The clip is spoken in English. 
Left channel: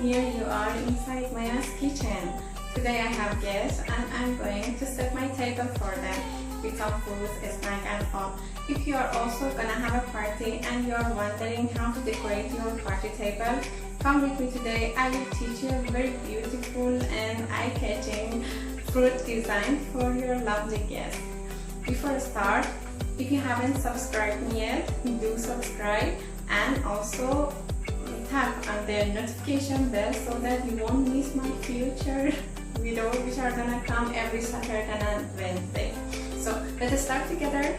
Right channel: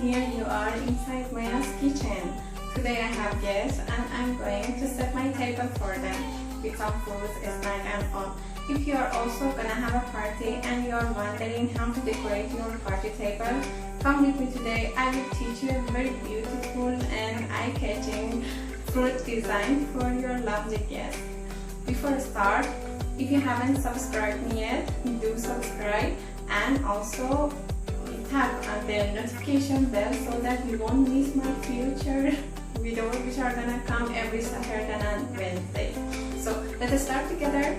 here you are inside Maya's kitchen. Today I have guests and I'm going to set my table for them with some food, snack and all. If you are also gonna have a party and you are wondering how to decorate your party table, come with me today. I will teach you a very beautiful and eye-catching fruit design for your lovely guests. Before I start, if you haven't subscribed me yet, do subscribe and also tap on the notification bell so that you won't miss my future videos which are gonna come every Saturday and Wednesday. So let us start together.